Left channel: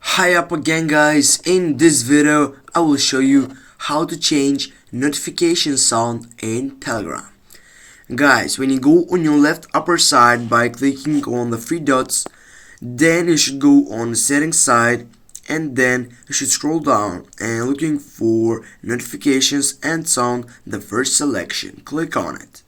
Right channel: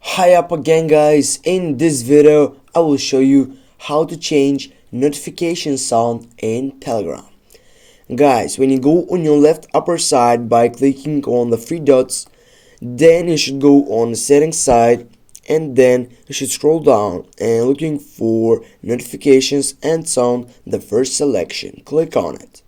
Hi up again guys, in this video I will show you how to change notification sound in Telegram. Guys, when you go on your left upper side by clicking on the three dots, then you should go on the settings side and then you should scroll down and looking for notifications and sound, the first selection. Click on it.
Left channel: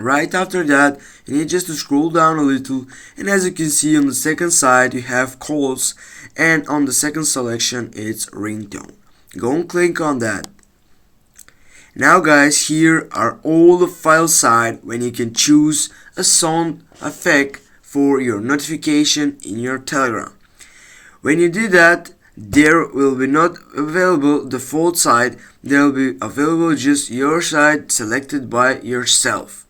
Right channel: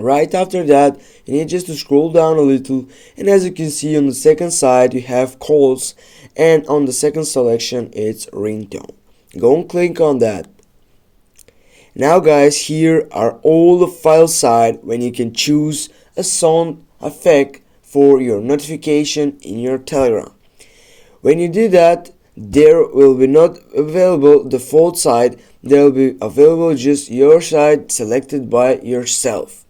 Right after that, you need just to scroll down a little, and as you can see on the second side you have calls, and on the second selection it's ringtone. Go and click on that. Now guys, here are all the file side when you can choose a sound effect for your notification in your Telegram. When you do that, there will be not available default side, there will be available just your side selected by yourself.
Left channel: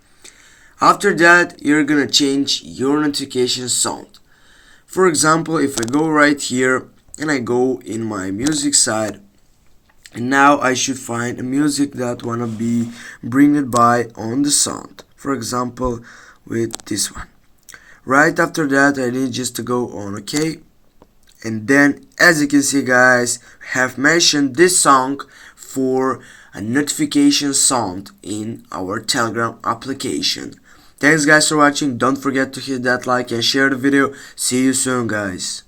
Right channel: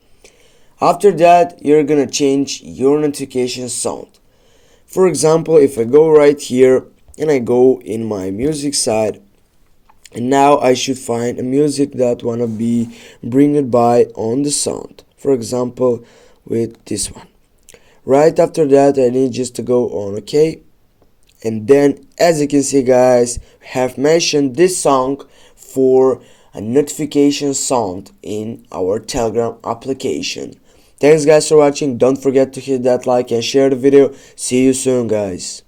After that, you're gonna change your notification sound. For example, if I go right here and I go in my music side, and now I should find a music that wanna be bring by on the sound. For example, with this one. Right after that, I need just to go on OK. And then, as you can see guys, have mentioned this song for a notification sound in our Telegram application. Thanks guys for watching. Don't forget to hit that like and share the video. See you soon guys.